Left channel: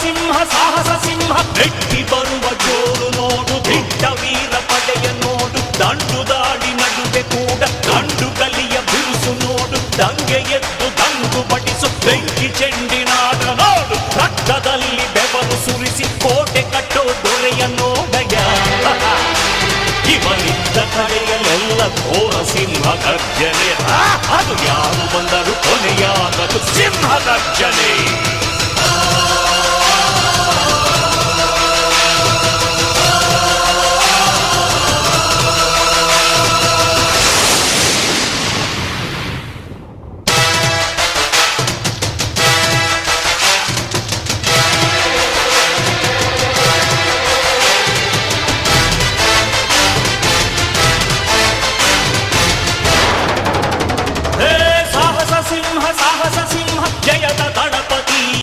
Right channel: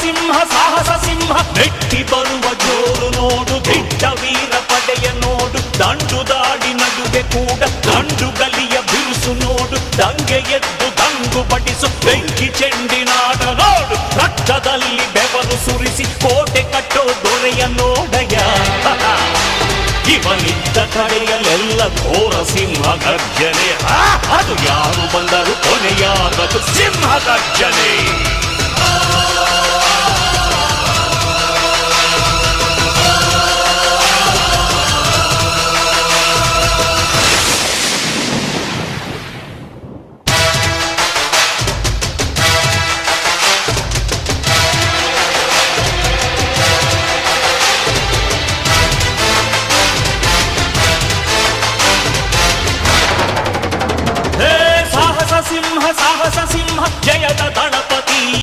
ಸಿಂಹ ಸಾಹಸ ಸಿಂಹ ನೆಟ್ಟಿ ಬರುವ ಜೋರು ನೋಡು, ದಿಟ್ಟ ವೀರ ಪಡೆಯ ನೋಡು, ದಂಡು ದಾಡಿ ನಡುವೆ ಕೂಡ ಗಂಡು ಗಲಿಯ ಬಿರುಸು ನೋಡು, ದಂಗೆ ಎದ್ದು ದಂಗು ಬಡಿಸು ಬೆಂಕಿ ಚೆಂಡಿನಾಟ ನೋಡು, ರಕ್ತದಲ್ಲಿ ಬೆವರು ಸುರಿಸಿ ಕೋಟೆ ಕಟ್ಟೋ ದೊರೆಯ ನೋಡಯ. ಇವನಿದ್ದ ಕಡೆಯಲ್ಲೆಲ್ಲ ಘೋರ ಸಿಂಹ ಗರ್ಜನೆ, ಅದು ಯಾರು ಬಂದರು ಕೊನೆಯಾಗದು ಸಿಂಹ ಗರ್ಜನೆ. ಸಾಹಸ ಸಿಂಹ ಜಯದ ದಳಪತಿ.